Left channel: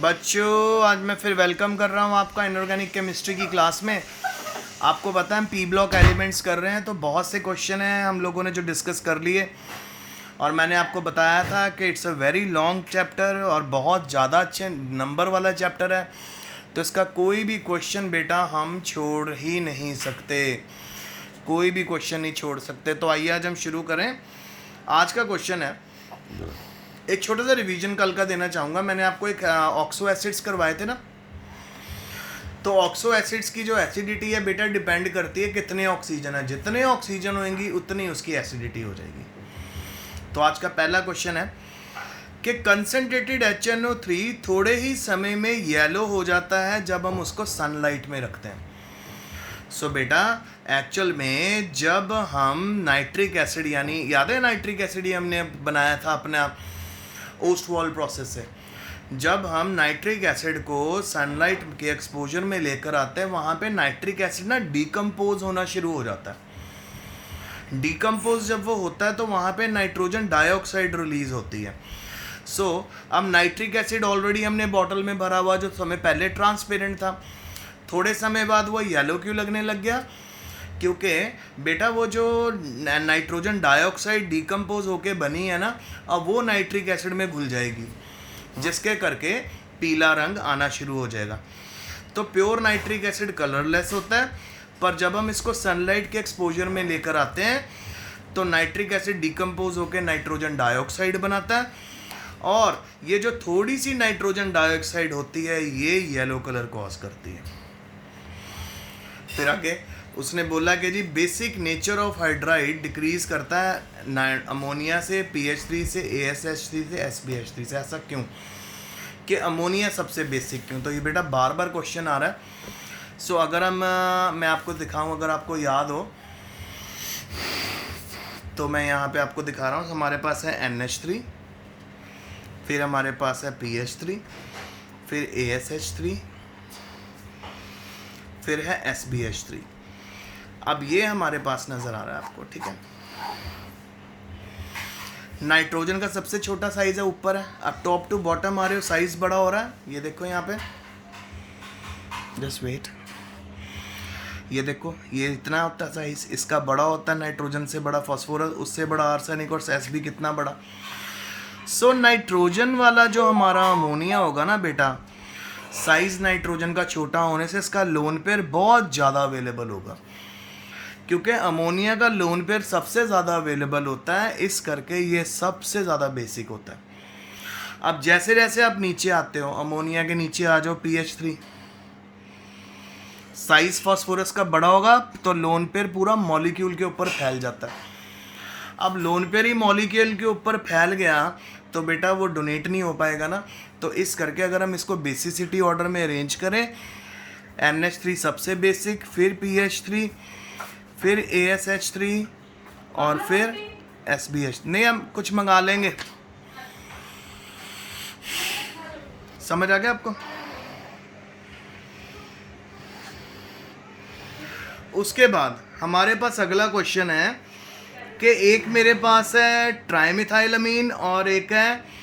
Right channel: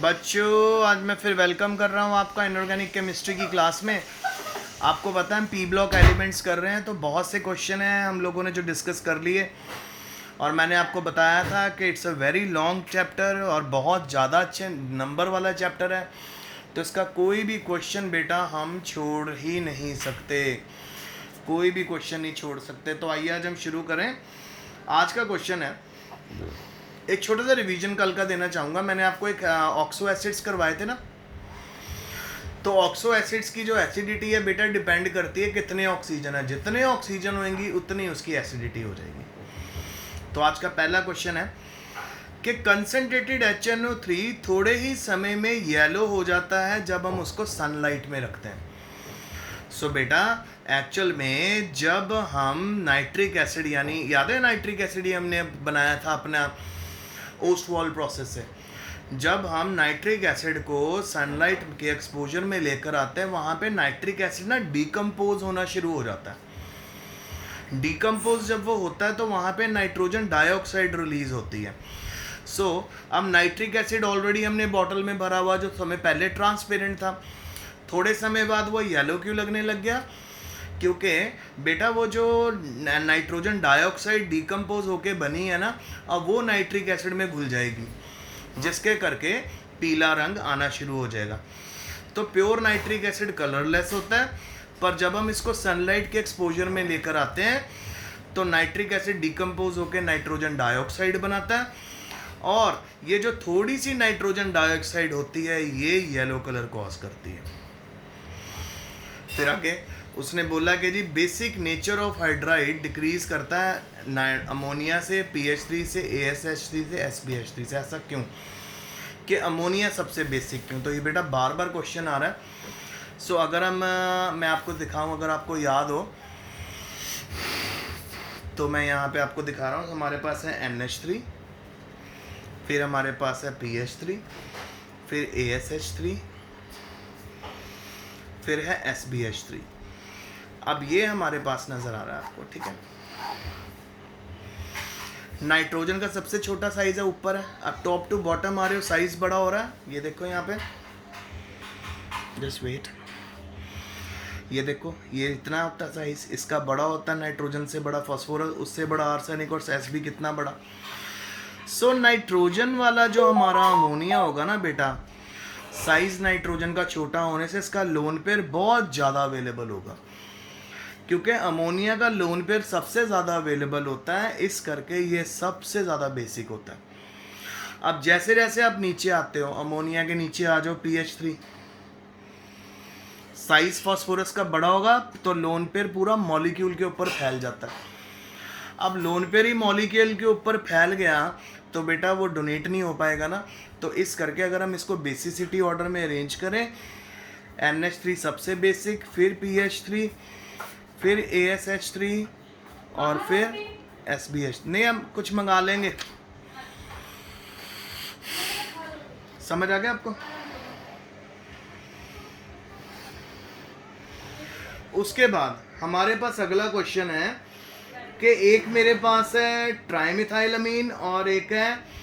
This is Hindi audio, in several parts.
बच्चों, आज मैं फिर वेलकम कर रहा हूँ आपका इनऑर्गेनिक केमिस्ट्री की क्लास में। आपको पता है हम पी ब्लॉक एलिमेंट्स कर रहे हैं, तो बहुत से क्वेश्चन हैं हम लोगों ने जो डिस्कस कर लिए। और मैंने आपको बताया था कि it's a very long chapter और बहुत ज़्यादा अच्छे नंबर वाला चैप्टर है, तो इसका कोई भी क्वेश्चन बेटा हम छोड़ ही नहीं सकते, कोई भी क्वेश्चन नहीं छोड़ सकते। तो आइए आज हम शुरू करें। आज का क्वेश्चन है, एक छोटा सा रिवीजन कल का देना चाहूँगा। मैंने आपको एक ऑक्सो एसिड्स करवाए थे ना, तो ऑक्सो एसिड्स की जो एसिडिटी है बेटा डिपेंड करती है कितने ऑक्सीजन है। जितने ऑक्सीजन होंगी उतनी उसकी एसिडिटी हो जाएगी। तो आज का पहला क्वेश्चन है कि कंसनट्रेटेड HNO3 थोड़े ही समय में येलो हो जाता है जब हम उसको सनलाइट में रखते हैं। सो बेटा एक्चुअल में जब हम नाइट्रिक एसिड, यानी याद है नाइट्रिक एसिड ही हमने बनाया था अपना ओस्टवॉल प्रोसेस से, जब हम नाइट्रिक एसिड को सनलाइट के एक्सपोजर में लेकर आते हैं वहाँ पे नाइट्रिक एसिड ना डिकम्पोज होना शुरू हो जाता है। डिकम्पोज जब वो होता है तो वहाँ पे नाइट्रोजन डाइऑक्साइड रिलीज होती है। सो अब नाइट्रिक एसिड ऑलरेडी हमने बॉटल में भरा हुआ, जो समय पहले ट्रांसपेरेंट था, थोड़े समय बाद वो येलो क्यों लगने लग गया? क्योंकि बेटा वो जो नाइट्रोजन डाइऑक्साइड डिकम्पोज होके बनी है ना, अब वो नाइट्रिक एसिड में घुल जाएगी, जिसके करके पीला रंग आना शुरू हो जाएगा। तो प्योर नाइट्रिक एसिड कलरलेस होता है, पर जब हम इसको सनलाइट के एक्सपोजर में लेकर आते हैं तो नाइट्रिक एसिड डिकम्पोज होकर नाइट्रोजन डाइऑक्साइड बनाता है, और ये जो थोड़ी सी नाइट्रोजन डाइऑक्साइड होती है ये येलो कलर कॉज करती है। फिर आगे उसने बोला कि जी basic nature of hydride decrease करता है अमोनिया से, PH3 से, ASH3 से, SBH3 से। ऐसा क्यों कि अमोनिया सबसे बेसिक क्यों? तो ये बेटा बार बार क्वेश्चन आ रहा है। सो अगर मैं आपको दिखाऊं, अगर आपको याद हो तो मैं यहाँ पे आपको दिखा रहा हूँ। हमारे पास है NH3, फिर हमारे पास है PH3, फिर ASH3, फिर है SBH3। अब ये हमारे पास नज़र आ रहा है आपको, ठीक है। नाइट्रोजन का सबसे छोटा साइज है ऊपर है, अब टॉप टू बॉटम आ रहे हो साइज बड़ा हो रहा है। ये देखो यहाँ पे, जस्ट वेट, ये देखो ये इतना होता है साइज, इसका बड़ा होता है नाइट्रोजन से बड़ा फॉस्फोरस, उससे बड़ा आर्सेनिक, और एस भी कितना बड़ा। सो नाइट्रोजन वाला जो हमारा अमोनिया होगा ना बेटा, साइज नाइट्रोजन का छोटा होने से इसका लोन पेयर बहुत ज़्यादा अवेलेबल होगा, क्योंकि अमोनिया का लोन पेयर सबसे ज़्यादा अवेलेबल होता है, इस करके ये सबसे ज़्यादा बेसिक होता है। अब जैसे जैसे आप नीचे आते हो, अमोनिया के नीचे आ जाओ PH3, साइज फास्फोरस का बड़ा होगा तो लोन पेयर पूरा मॉलिक्यूल के ऊपर फैल जाता है। अब लोन पेयर ही मॉलिक्यूल के ऊपर फैल गया तो बेटा वो डोनेट नहीं हो पाएगा ना। तो इस करके अगर हम इसको बेसिसिटी ऑर्डर में अरेंज करें, NH3 सबसे बेसिक, फिर PH3, फिर ASH3, और फिर SBH। नहीं, हम कुछ मंगा लेंगे, समझ आ गया आपको? उसके बाद हमारे पास अगला क्वेश्चन है कि एक मेरे पास है ट्राइमिथाइलमीन और एक है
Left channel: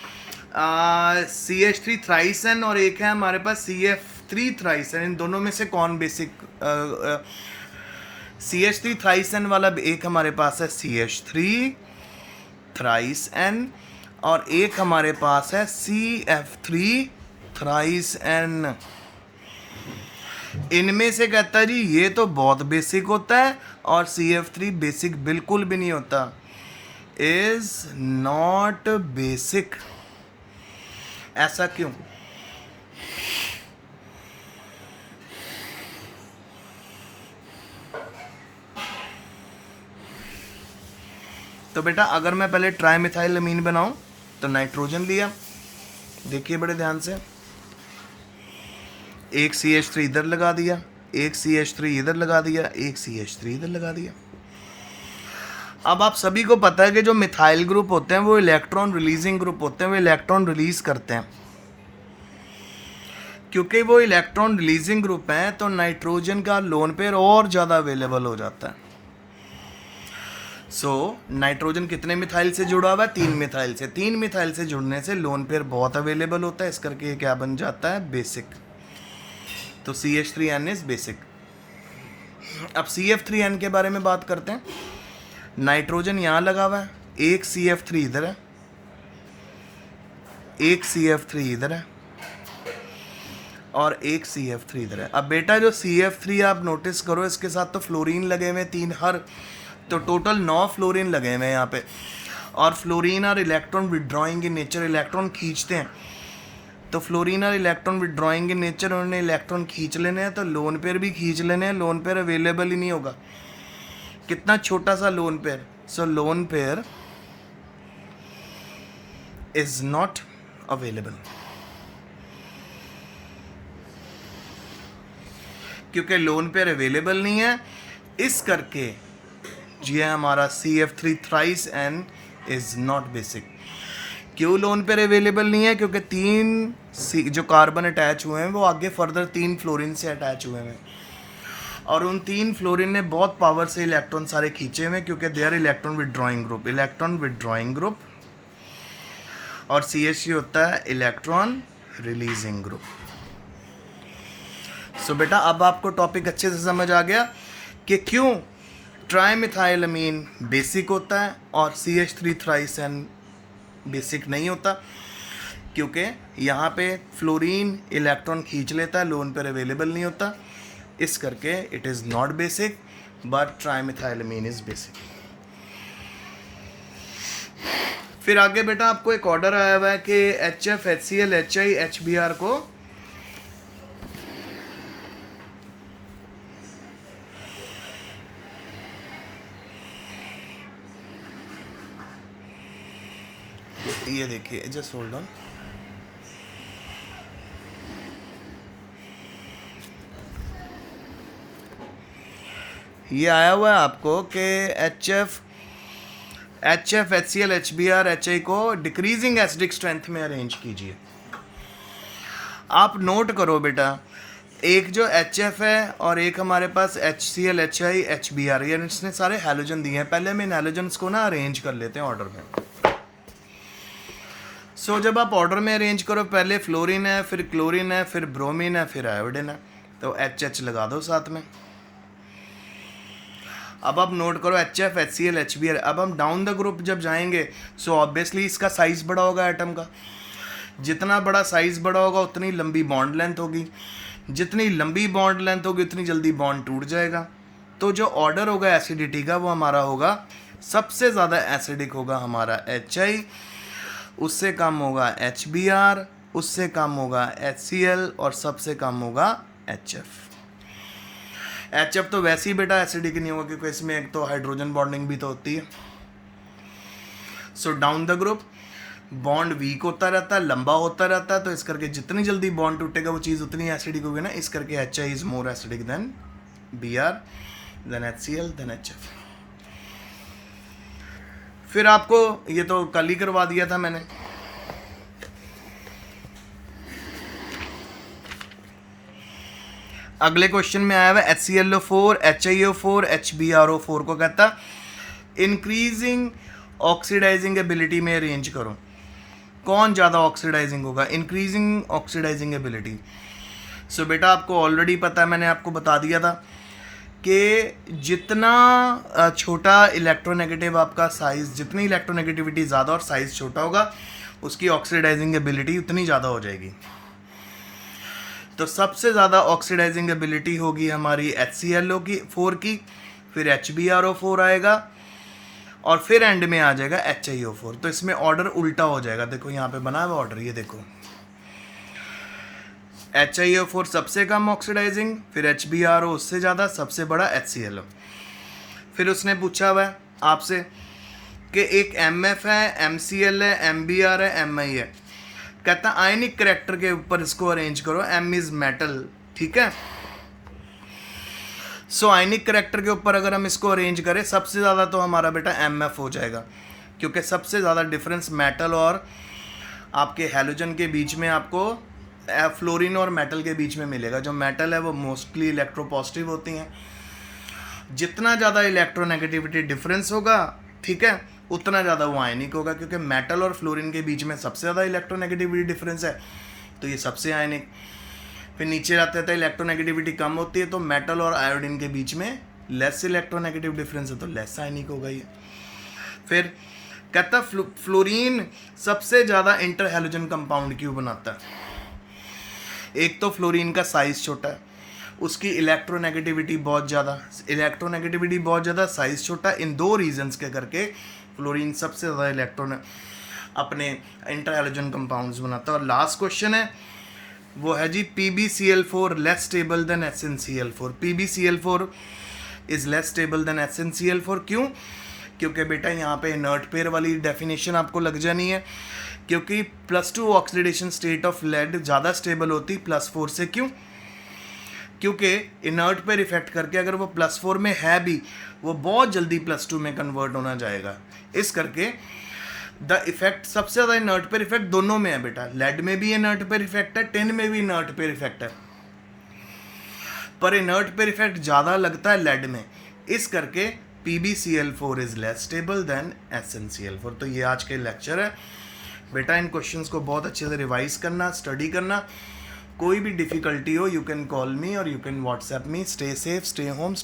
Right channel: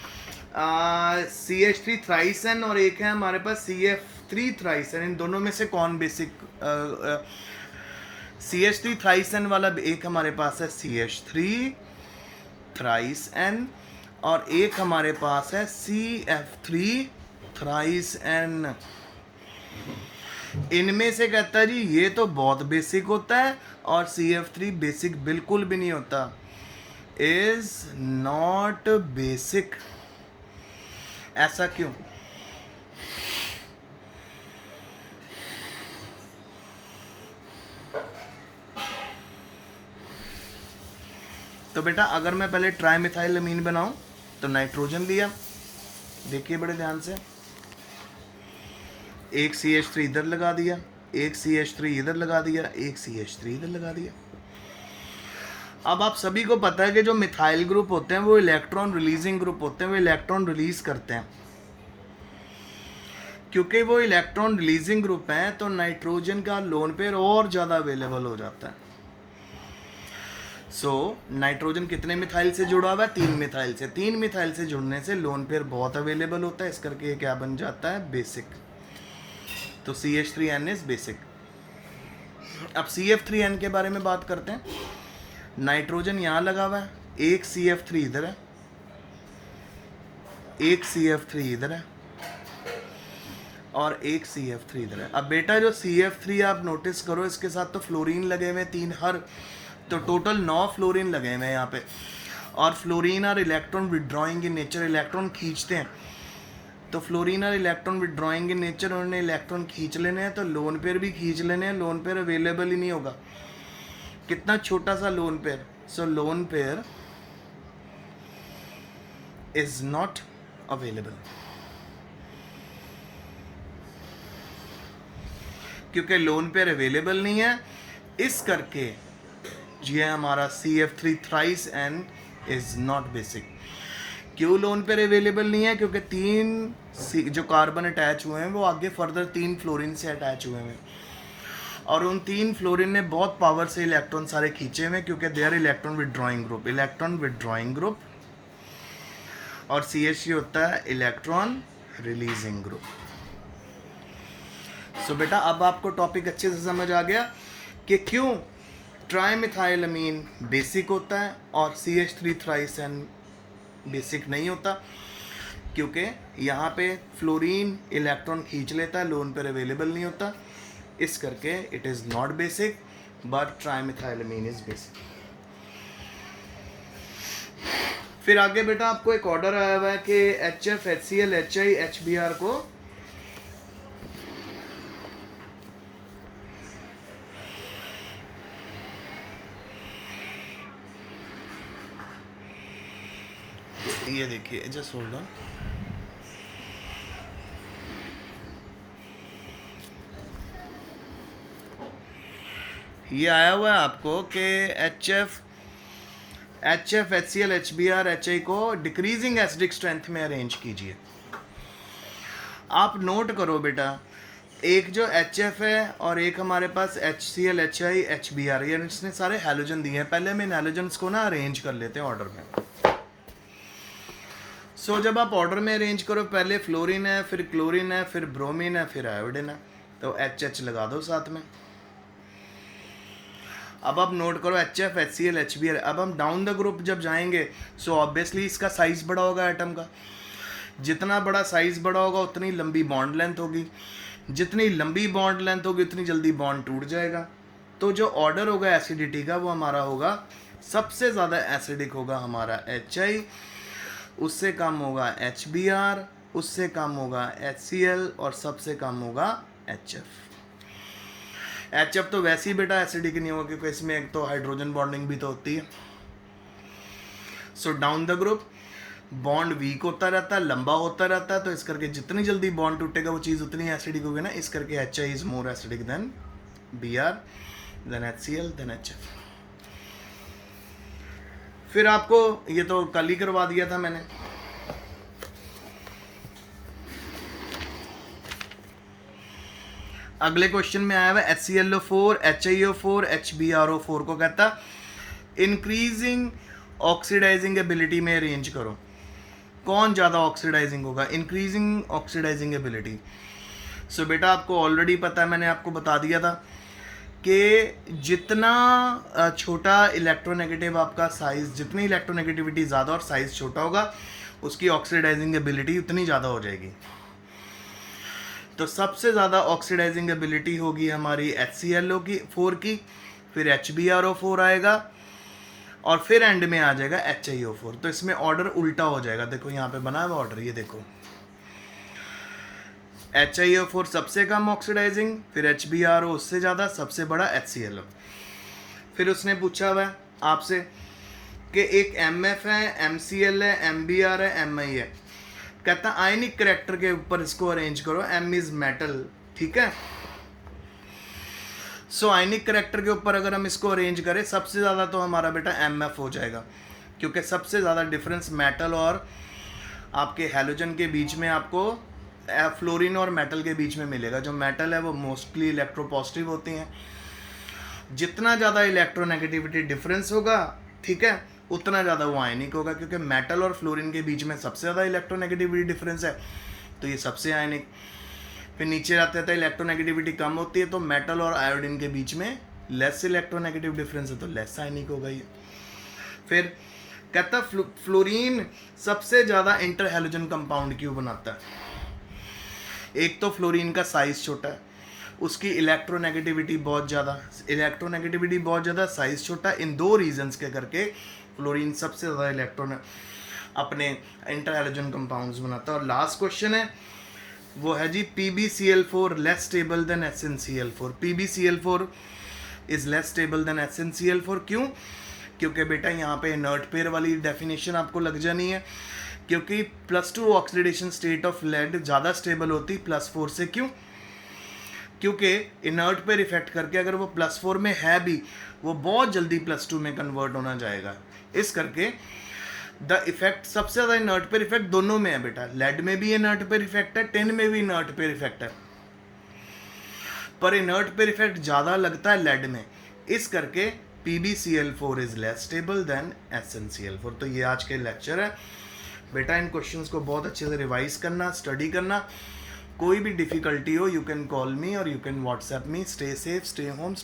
CH3 थ्राइसन, और एक है हमारे पास CF3 थ्राइसन। इन दोनों में से कौन बेसिक? CH3 थ्राइसन वाला एक हमारे पास है CH3 थ्राइसन, और एक हमारे पास है CF3 थ्राइसन। इनमें से कहता है जी ये तो बहुत बेसिक होता है और CF3 बेसिक बिल्कुल भी नहीं होता, इज नॉट बेसिक। ऐसा क्यों? तो बेटा अगर मैं पहले ट्राइमिथाइलमीन बनाऊं तो नाइट्रोजन लिया, देखिए बड़े ध्यान से, एक CH3 इधर लगा दिया, एक CH3 इधर लगा दिया, एक CH3 इधर लगा दिया। अब आप सभी को पता है कि जो मिथाइल ग्रुप होते हैं वो इलेक्ट्रॉन रिलीजिंग ग्रुप होते हैं, वो इलेक्ट्रॉन रिलीज करते हैं। क्योंकि वो इलेक्ट्रॉन रिलीजिंग ग्रुप है तो नाइट्रोजन का लोन पेयर और ज़्यादा अवेलेबल हो जाता है। सो नाइट्रोजन कितने मिथाइल से जुड़ा हुआ है? 3 मिथाइल से। 3 मिथाइल से जुड़ने से लोन पेयर बहुत अवेलेबल होता है, इस करके ये क्या बन जाता है? बेसिक। तो CH3N इज बेसिक। अब CF3N के बारे में बात करते हैं। नाइट्रोजन यहाँ लगा हुआ है, एक CF3 इधर है, एक CF3 इधर है और एक CF3 इधर है। अब बेटा जो CF3 आप नोटिस करो, इसके साथ तो फ्लोरीन लगे हुए 3 हर, तो टोटल 9 फ्लोरीन लगे हुए हैं यहाँ पे। और फ्लोरीन और electron withdrawing in nature, electron खींचते हैं। तो फ्लोरीन और इलेक्ट्रॉन विड्रॉइंग इन नेचर, उन्होंने इलेक्ट्रॉन खींच लेने हैं, तो लोन पेयर भी खींच लेने हैं। लोन पेयर अवेलेबल ही नहीं होगा। कितना छोटा सा lone pair. So lone pair is not available, क्योंकि लोन पेयर अवेलेबल नहीं है, इस करके ये हमारा CF3 thrice N is not basic. क्यों लोन पेयर अवेलेबल नहीं है? क्योंकि 3 जो कार्बन अटैच हुए हैं वो आगे फर्दर 3 फ्लोरीन से अटैच हुए हैं, और उन 3 फ्लोरीन ने बहुत पावर से इलेक्ट्रॉन सारे खींचे हुए, क्योंकि they are electron withdrawing group. Electron withdrawing group. और CH होता है इलेक्ट्रॉन रिलीजिंग ग्रुप। सो बेटा अब आपको टॉपिक अच्छे से समझ आ गया कि क्यों ट्राईमिथाइलअमीन बेसिक होता है और CH3 थ्राइस N बेसिक नहीं होता, क्योंकि यहाँ पे फ्लोरीन इलेक्ट्रॉन खींच लेता है, लोन पर अवेलेबल नहीं होता, इस करके it is not basic, but trimethylamine is basic. फिर आगे बेटा आपको एक ऑर्डर आया हुआ है कि HF, HCl, HI, HBr को ये देखिए, जस्ट होल्ड ऑन। ये आया हुआ है आपको कि HF, HCl, HBr, HI को डिक्रीजिंग एसिडिक स्ट्रेंथ में अरेंज कीजिए। आप नोट करो बेटा, एक जो HF है और एक हमारे पास HCl, HI, HBr, ये इसने सारे हैलोजन दिए हैं। पहले हम इन हैलोजन्स को ना अरेंज कर लेते हैं ऑर्डर में। सो जब आप ऑर्डर में अरेंज करो, पहले फ्लोरीन है, फिर क्लोरीन है, फिर ब्रोमीन है, फिर आयोडीन है, तो HH लगा दो साथ में। अब आप नोट करो HF, HCl, HBr। अब हम डाउन द ग्रुप जब जाएंगे, सो ऑब्वियसली इसका साइज बड़ा होगा एटम का। जितना बड़ा साइज बड़ा होगा उतनी लंबी बॉन्ड लेंथ होगी, जितनी लंबी बॉन्ड लेंथ होगी उतनी जल्दी बॉन्ड टूट जाएगा। तो जो ऑर्डर होगा एसिडिटी का वो हमारा होगा, सबसे ज़्यादा एसिडिक होगा हमारा HI, उससे कम होगा HBr, उससे कम होगा HCl और सबसे कम होगा HF। HF तो वैसे ही बेटा एसिडिक नहीं होगा, क्योंकि इसमें एक तो हाइड्रोजन बॉन्डिंग भी तो होती है। So down the group bond weak होता रहता है, लंबा होता रहता है, तो इस करके जितनी जल्दी बॉन्ड टूटेगा वो चीज़ उतनी एसिडिक होगी ना, इस करके HI is more acidic than Br, than HCl, than HF। फिर आपको ये तो कल ही करवा दिया था मैंने। अगले क्वेश्चन में आया हुआ HClO4, HiO4, HbRO4 को कहता इंक्रीजिंग ऑक्सीडाइजिंग एबिलिटी में अरेंज करो। कौन ज़्यादा ऑक्सीडाइजिंग होगा? Increasing oxidising ability. सो बेटा आपको ऑलरेडी पता है, मैंने आपको बता दिया था कि जितना छोटा इलेक्ट्रोनेगेटिव आपका साइज, जितनी इलेक्ट्रोनेगेटिविटी ज़्यादा और साइज़ छोटा होगा, उसकी ऑक्सीडाइजिंग एबिलिटी उतनी ज़्यादा हो जाएगी। तो सबसे ज़्यादा ऑक्सीडाइजिंग एबिलिटी होगी हमारी HClO4 की, फिर HbRO4 आएगा और फिर एंड में आ जाएगा HiO4। तो इसमें ऑर्डर उल्टा हो जाएगा। देखो यहाँ पे बना हुआ ऑर्डर, ये देखो, HiO4 सबसे कम ऑक्सीडाइजिंग, फिर HbRO उससे ज़्यादा, सबसे बड़ा HClO। फिर उसने पूछा हुआ है आपसे कि एक MF है, MCl है, MBr है, Mi है। कहता आयनिक करैक्टर के ऊपर इसको अरेंज करो। M इज मेटल, ठीक है। सो आयनिक करैक्टर के ऊपर अगर हम इसको अरेंज करें, सबसे ज़्यादा तो हमारा बेटा MF हो जाएगा, क्योंकि सबसे ज़्यादा डिफरेंस मेटल और आपके हैलोजन के बीच में आपको फ्लोरीन और मेटल के बीच में मिलेगा। जो मेटल है वो मोस्टली इलेक्ट्रोपॉजिटिव होती हैं। जितना ज़्यादा इलेक्ट्रोनेगेटिविटी डिफरेंस होगा ठीक है, उतना ज़्यादा वो आयनिक होगा, क्योंकि मेटल और फ्लोरीन के बीच में सबसे ज़्यादा इलेक्ट्रोनेगेटिविटी डिफरेंस है, तो ये सबसे आयनिक। फिर नीचे जाते हैं तो इलेक्ट्रोनेगेटिविटी कम होती है, तो मेटल और आयोडीन के बीच में लेस इलेक्ट्रोनेगेटिव डिफरेंस है, तो लेस आयनिक होगा ये। फिर कहता फ्लोरीन सबसे ज़्यादा इंटर हैलोजन कंपाउंड क्यों बनाता है? एक तो फ्लोरीन का साइज़ छोटा है, उसकी इलेक्ट्रोनेगेटिविटी बहुत ज़्यादा, साइज़ छोटा, इन दो रीजंस के करके फ्लोरीन सबसे ज़्यादा इलेक्ट्रॉन अपने इंटर हैलोजन कंपाउंड्स बनाता है। और लास्ट क्वेश्चन है वो है जी PbCl4 less stable then HnCl4। PbCl4 is less stable then HnCl4। क्यों? क्योंकि बेटा यहाँ पे इनर्ट पेयर वाली डेफिनेशन आपको लग जानी है, क्योंकि +2 ऑक्सीडेशन स्टेट ऑफ लेड ज़्यादा स्टेबल होती +4 से। क्यों? क्योंकि इनर्ट पेयर इफेक्ट करके अगर वो +4 में है भी, वो बहुत जल्दी +2 में कन्वर्ट होना जाएगा। इस करके द इफेक्ट सबसे ज़्यादा इनर्ट पेयर इफेक्ट दोनों में है बेटा, लेड में भी इनर्ट पेयर इफेक्ट है, टिन में भी इनर्ट पेयर इफेक्ट है, पर इनर्ट पेयर इफेक्ट ज़्यादा लगता है लेड में। इस करके PbCl4 is less stable then HnCl4। तो ये आज के लेक्चर है बेटा। इन क्वेश्चंस को बहुत अच्छे से रिवाइज करना, स्टडी करना। कोई भी डिफ़िकल्टी हो, यू कैन कॉल मी और you can WhatsApp me. Stay safe, stay home.